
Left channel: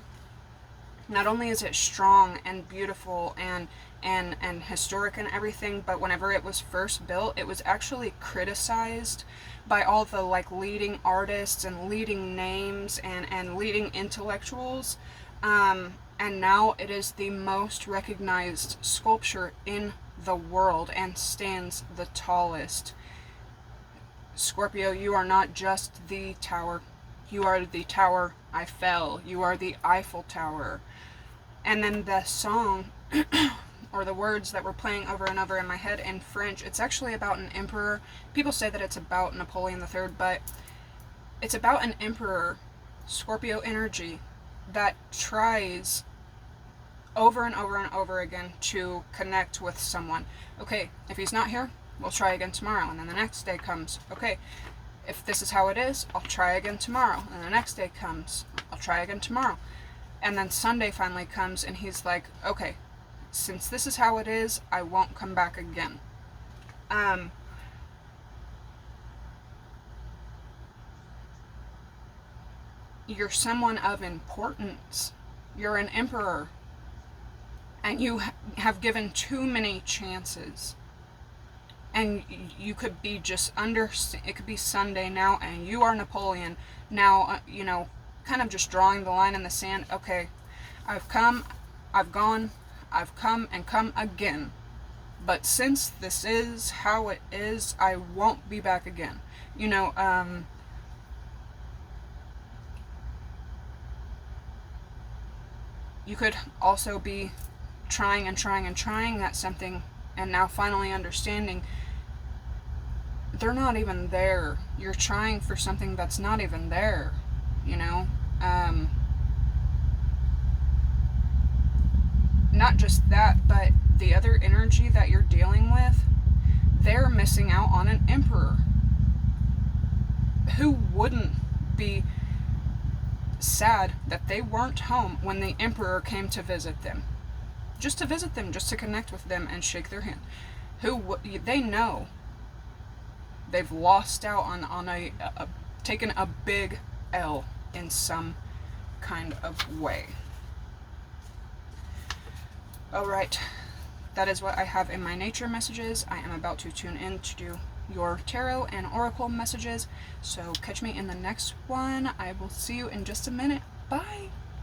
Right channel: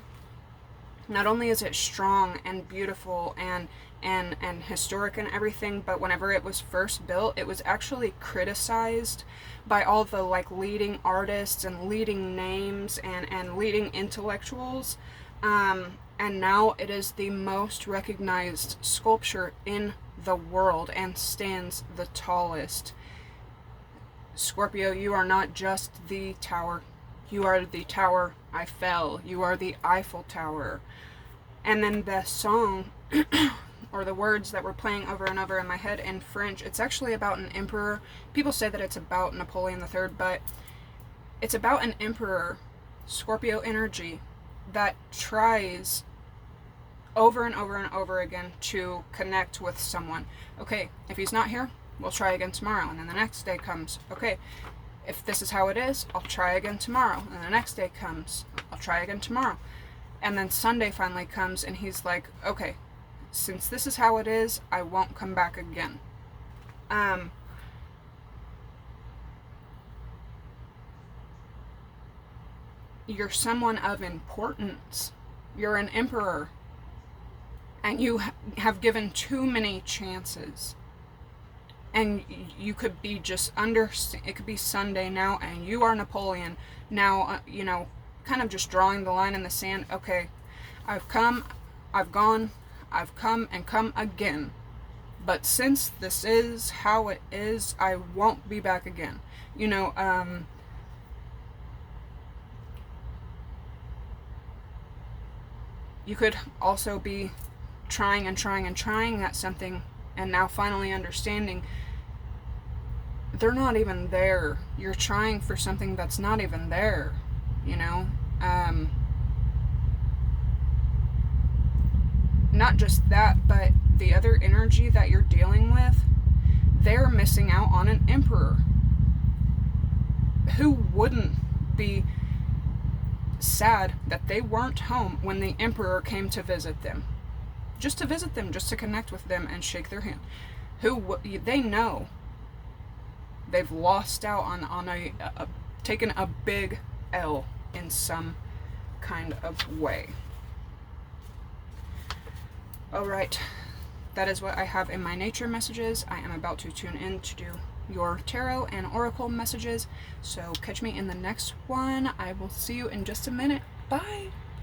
not only is it strong and beautiful and and historic and everything, but whenever it was first built, it was actually criticized by all the like leading artists and leading names and leading intellectuals. And now it is the most recognized sculpture in the world and stands the tallest. Scorpio, you are not just the tower. You are the Tower Eiffel. You are the Eiffel Tower. And then the song, or the words that were playing over and over in my head in French, it's actually about an emperor. People say that it's about Napoleon III, but it's about an emperor, Scorpio energy, that tries over and over and over again to connect with someone. Okay, if he's not here, we'll try again tomorrow. And then the next day comes. Okay, if this is how it is, I'll try again tomorrow. And the next day comes. I'll try again tomorrow. And then Sunday finally comes and he's like, okay, since this is how it is, I won't come back again. You're someone of importance. You're an emperor. And you have given too many chances. And you could be just it could be Sunday now, and you are Napoleon. Now, kind of just drawing the line in the sand. Okay, I've come, I've gone, I've come and come again. But since this is how it is, I won't be back again. You could also be trying and trying and trying at something, and now finally understanding they're not even there. You're trying for something that's not even there, not just that, but the other energy that you're dealing with, they're missing out on an emperor. Who wouldn't be sad that they weren't home when the emperor came to visit them? Just to visit them, just to connect with them and shake their hand. They know they've lost out on taken a big L in some kind of way. Alright, that is what I have in my nature messages. I am about to tune in to do your tarot and oracle messages, so catch me in the next one. I will see you in just a minute. Bye!